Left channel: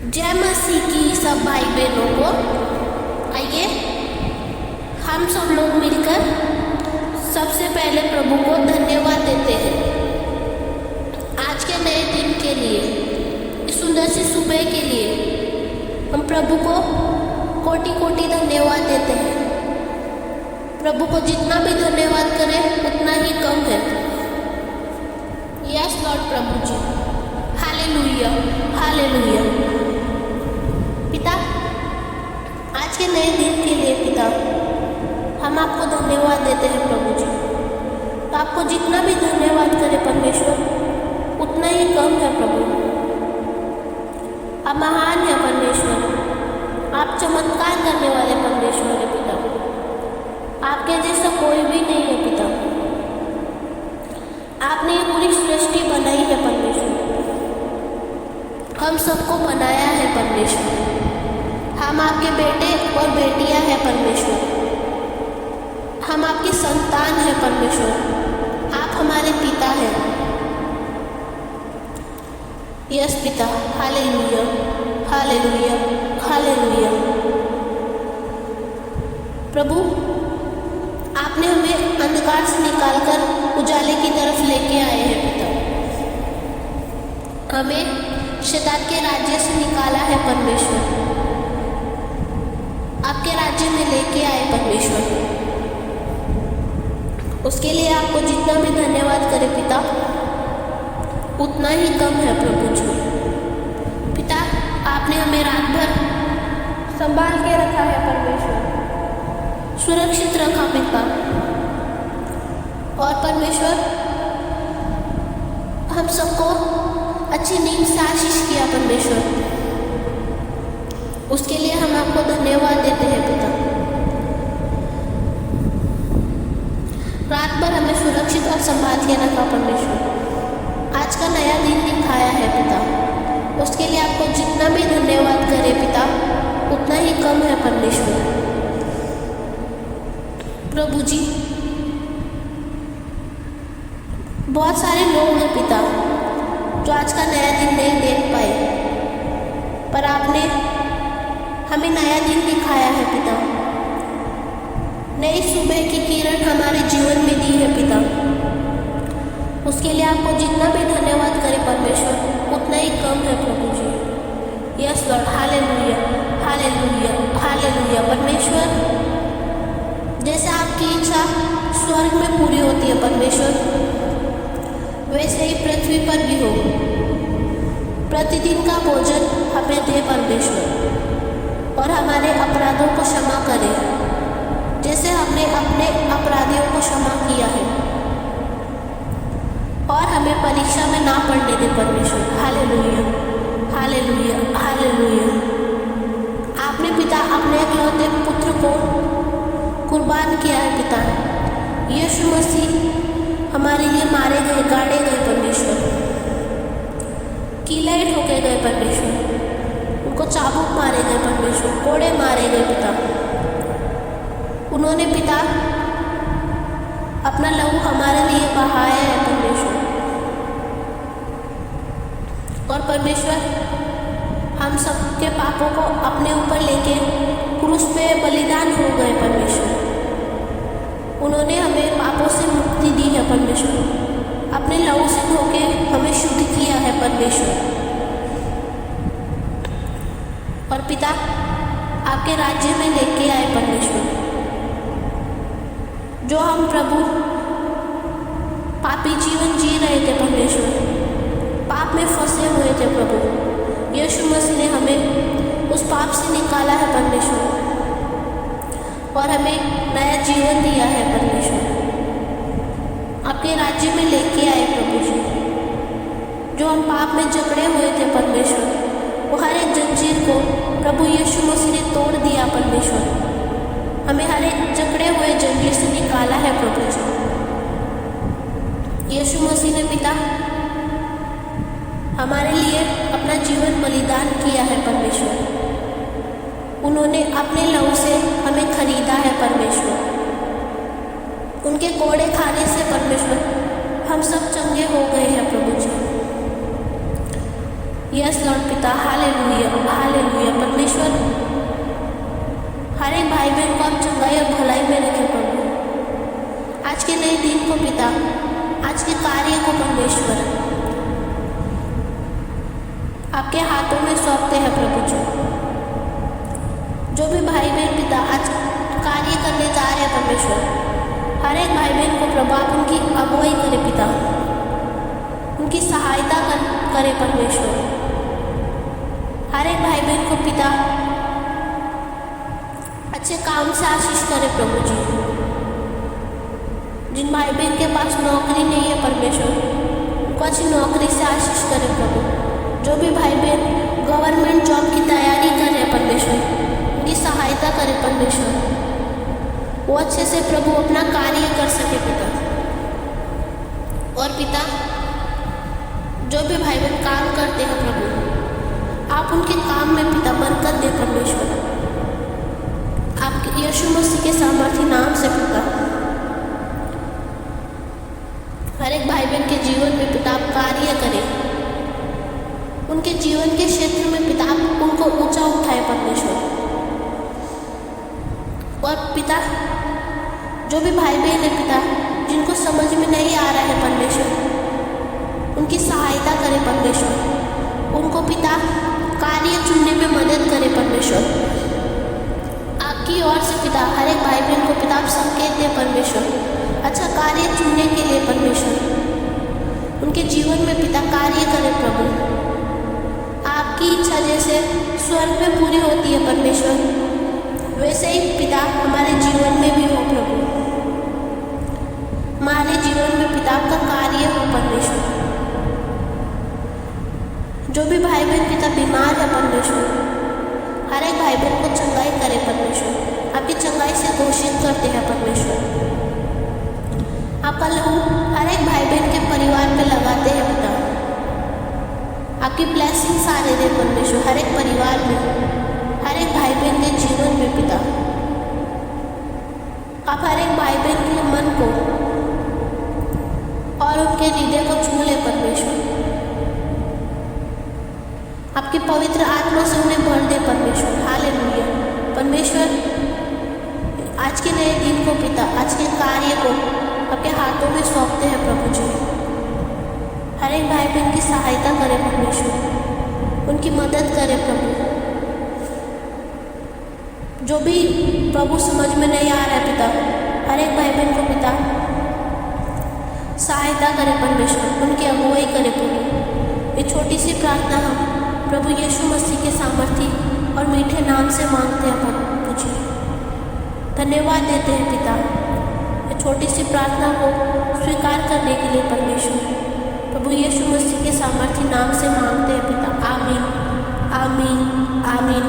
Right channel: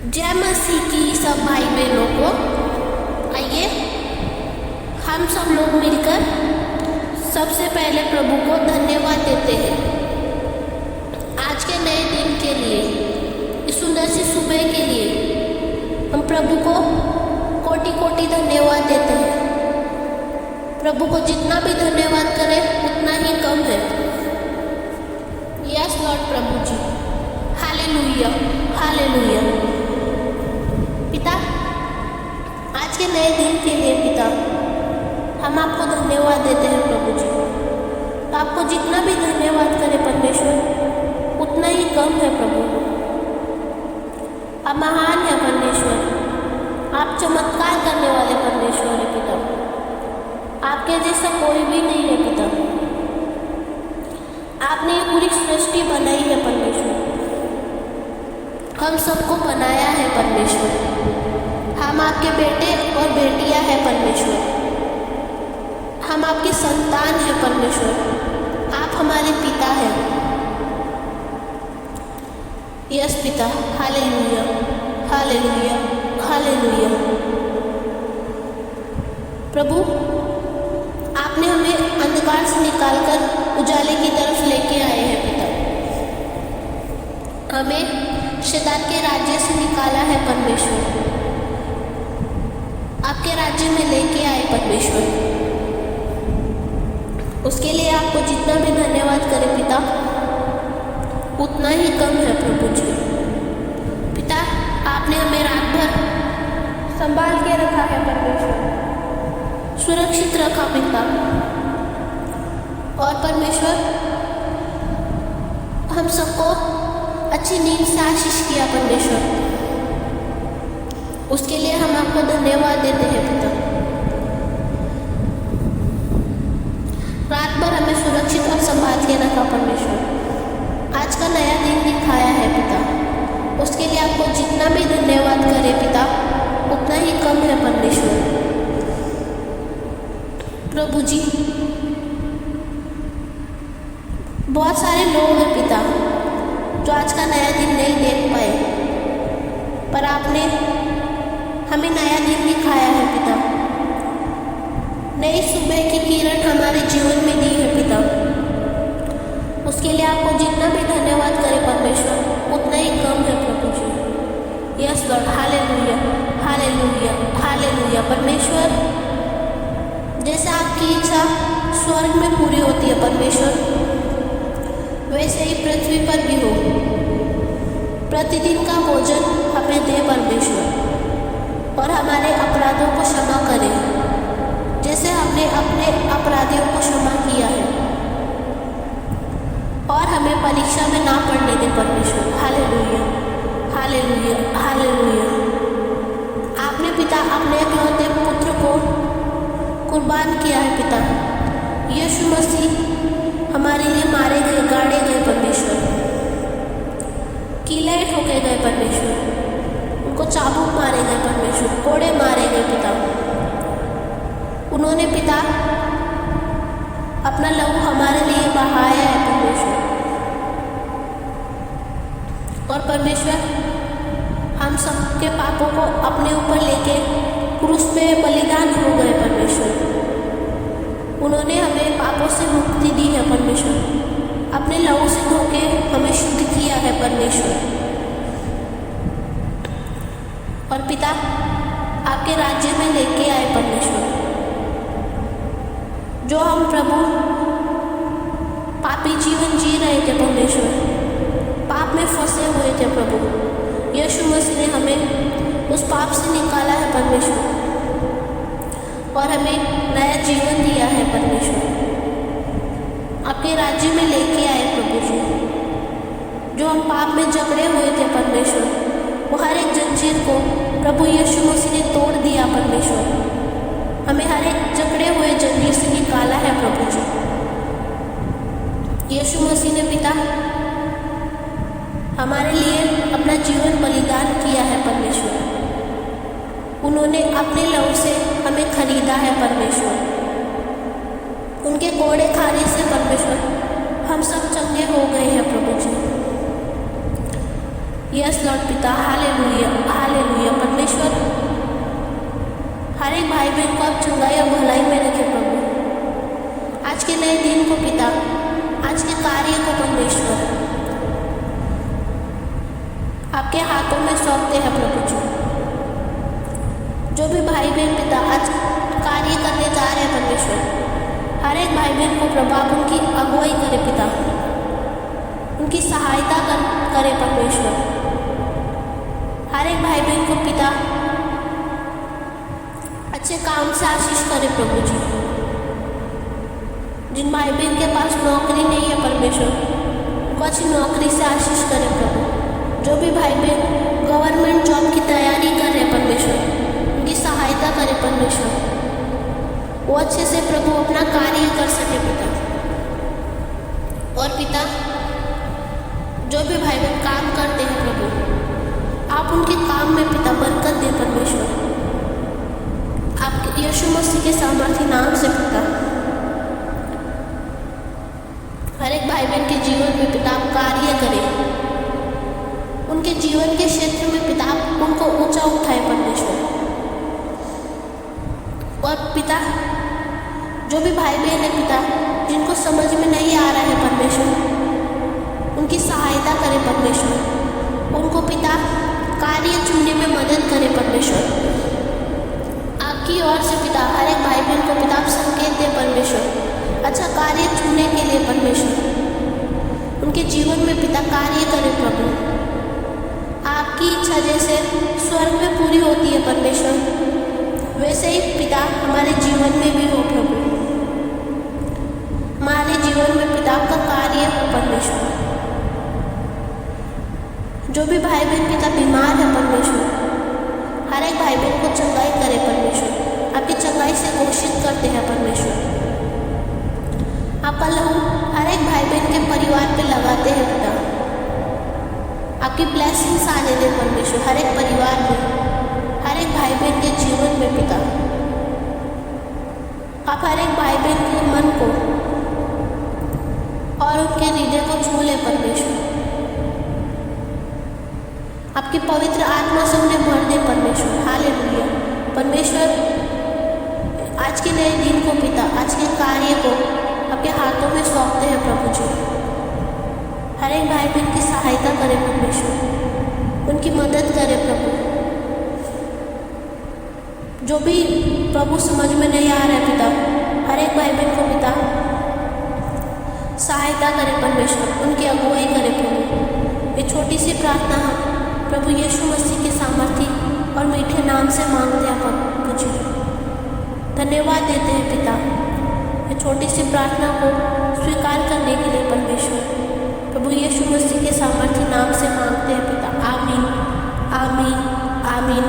जय मसीह की सब भाई बहनों को। आइए हम सब लोग मिलकर सबसे पहले प्रभु को धन्यवाद देते हैं आज के नए दिन के लिए, इस सुंदर सी सुबह के लिए। हम प्रभु को कोटि कोटि धन्यवाद देते हैं। प्रभु को जितना भी धन्यवाद करें उतना ही कम है। यस लॉर्ड प्रभु जी, हालेलुया हालेलुया। पिता, आज के नए दिन के लिए पिता हम आपको धन्यवाद देते हैं प्रभु जी। आपको जितना भी धन्यवाद करें परमेश्वर उतना ही कम है प्रभु। आप महान है परमेश्वर, आप चमत्कार करने वाले परमेश्वर है पिता। आपके जैसा कोई भी नहीं है पिता। आपने ये पूरी सृष्टि बनाई है परमेश्वर, हम सबको बनाया है परमेश्वर। हम आपके बेटे और बेटियां हैं परमेश्वर। हम आपकी संतान हैं परमेश्वर। आप हमारे पिता हैं। यस पिता, हालेलुया हालेलुया हालेलुया। प्रभु, आपने हमें अंधकार से निकालकर उजाले की तरफ लेके आए हैं पिता। हमें शैतान के राज्य से निकाला है परमेश्वर। आपके राज्य में लेके आए परमेश्वर। उसके लिए आपको जितना भी धन्यवाद करें पिता उतना ही कम है प्रभु जी। पिता, आपने हमें रात भर संभाल के रखा है परमेश्वर, सुरक्षित रखा पिता। और परमेश्वर, हम सबको अच्छी नींद से आशीष किया परमेश्वर। उसके लिए हम आपको धन्यवाद देते हैं पिता। रात भर हमें सुरक्षित और संभाल के रखा परमेश्वर। आज का नया दिन दिखाया है पिता। उसके लिए आपको जितना भी धन्यवाद करें पिता उतना ही कम है परमेश्वर। प्रभु जी, बहुत सारे लोग हैं पिता जो आज का नया दिन नहीं देख पाए, पर आपने हमें नया दिन दिखाया है पिता। नई सुबह की किरण हमारे जीवन में दी है पिता। उसके लिए आपको जितना भी धन्यवाद करें परमेश्वर उतना ही कम है प्रभु जी। Yes Lord, hallelujah hallelujah hallelujah. परमेश्वर, जैसे आपकी इच्छा स्वर्ग में पूरी होती है परमेश्वर, वैसे ही पृथ्वी पर भी हो। प्रतिदिन का भोजन हमें दे परमेश्वर, और हमारे अपराधों को क्षमा करें जैसे हमने अपने अपराधियों को क्षमा किया है। और हमें परीक्षा में ना पड़ने दे परमेश्वर। Hallelujah hallelujah hallelujah. आपने पिता अपने इकलौते पुत्र को कुर्बान किया है पिता। यीशु मसीह हमारे लिए मारे गए, गाड़े गए परमेश्वर, कीले ठोके गए परमेश्वर, उनको चाबुक मारे गए परमेश्वर, कोड़े मारे गए पिता। उन्होंने पिता अपना लहू हमारे लिए बहाया है परमेश्वर। और परमेश्वर, हम सबके पापों को अपने ऊपर लेके क्रूस पे बलिदान हो गए परमेश्वर। उन्होंने हमें पापों से मुक्ति दी है परमेश्वर। अपने लहू से धोके हमें शुद्ध किया है परमेश्वर। और पिता, आपके राज्य में लेके आए परमेश्वर। जो हम प्रभु पापी जीवन जी रहे थे परमेश्वर, पाप में फंसे हुए थे प्रभु, यीशु मसीह ने हमें उस पाप से निकाला है परमेश्वर और हमें नया जीवन दिया है परमेश्वर। आपके राज्य में लेके आए प्रभु जी। जो हम पाप में जकड़े हुए थे परमेश्वर, वो हर एक जंजीर को प्रभु यीशु मसीह ने तोड़ दिया परमेश्वर। हमें हर एक जकड़े हुए जंजीर से निकाला है प्रभु जी। यीशु मसीह ने पिता हमारे लिए अपना जीवन बलिदान किया है परमेश्वर। उन्होंने अपने लहू से हमें खरीदा है परमेश्वर। उनके कोड़े खाने से परमेश्वर हम सब चंगे हो गए हैं प्रभु जी। यस लॉर्ड पिता, हालेलुया हालेलुया। परमेश्वर हर एक भाई बहन को आप चंगाई और भलाई में रखें प्रभु। आज के नए दिन को पिता, आज के कार्य को परमेश्वर आपके हाथों में सौंपते हैं प्रभु जी। जो भी भाई बहन पिता आज कार्य करने जा रहे हैं परमेश्वर, हर एक भाई बहन को प्रभु आप उनकी अगुवाई करें पिता, उनकी सहायता करें परमेश्वर। हर एक भाई बहन को पिता अच्छे काम से आशीष करें प्रभु जी। जिन भाई बहन के पास नौकरी नहीं है परमेश्वर, उनको अच्छी नौकरी से आशीष करें प्रभु। जो भी भाई बहन गवर्नमेंट जॉब की तैयारी कर रहे हैं परमेश्वर, उनकी सहायता करें परमेश्वर, वो अच्छे से प्रभु अपना कार्य कर सके पिता। और पिता जो भी भाई बहन काम करते हैं प्रभु, आप उनके काम में पिता बरकत दे परमेश्वर। आपके यीशु मसीह के सामर्थी नाम से पिता, हर एक भाई बहन के जीवन में पिता आप कार्य करें, उनके जीवन के क्षेत्र में पिता आप उनको ऊंचा उठाए परमेश्वर। और पिता जो भी भाई बहन है पिता, जिनको समझ में नहीं आ रहा है परमेश्वर, उनकी सहायता करें परमेश्वर। उनको पिता कार्य चुनने में मदद करें परमेश्वर। आपकी ओर से पिता हर एक भाई बहन को पिता आप संकेत दें परमेश्वर, अच्छा कार्य चुनने के लिए परमेश्वर। उनके जीवन में पिता कार्य करें प्रभु। आपकी इच्छा जैसे स्वर्ग में पूरी होती है परमेश्वर, वैसे ही पिता हमारे जीवन में भी हो प्रभु। हमारे जीवन में पिता आपका कार्य हो परमेश्वर। जो भी भाई बहन पिता बीमार है परमेश्वर, हर एक भाई बहन को चंगाई करे परमेश्वर। आपकी चंगाई से घोषित करते हैं परमेश्वर। आपका लहू हर एक भाई बहन के परिवार पे लगाते हैं पिता। आपकी ब्लेसिंग्स आने दें परमेश्वर हर एक परिवार में, हर एक भाई बहन के जीवन में पिता। आप हर एक भाई बहन के मन को और उनके हृदय को छू ले परमेश्वर। आपकी पवित्र आत्मा से उन्हें भर दे परमेश्वर। हालेलुया। परमेश्वर आज के नए दिन को पिता, आज के कार्य को आपके हाथों में सौंपते हैं प्रभु जी। हर एक भाई बहन की सहायता करें परमेश्वर, उनकी मदद करें प्रभु। जो भी प्रभु समझ में नहीं आ रहा है पिता, हर एक भाई बहन को पिता सहायता करें परमेश्वर, उनकी अगुवाई करें प्रभु। ये छोटी सी प्रार्थना हम प्रभु यीशु मसीह के सामर्थी और मीठे नाम से मांगते हैं प्रभु जी। धन्यवाद देते हैं पिता ये छोटी सी प्रार्थना को स्वीकार करने के लिए परमेश्वर। प्रभु यीशु मसीह के सामर्थी नाम से मांगते हैं पिता। आमीन आमीन आमीन।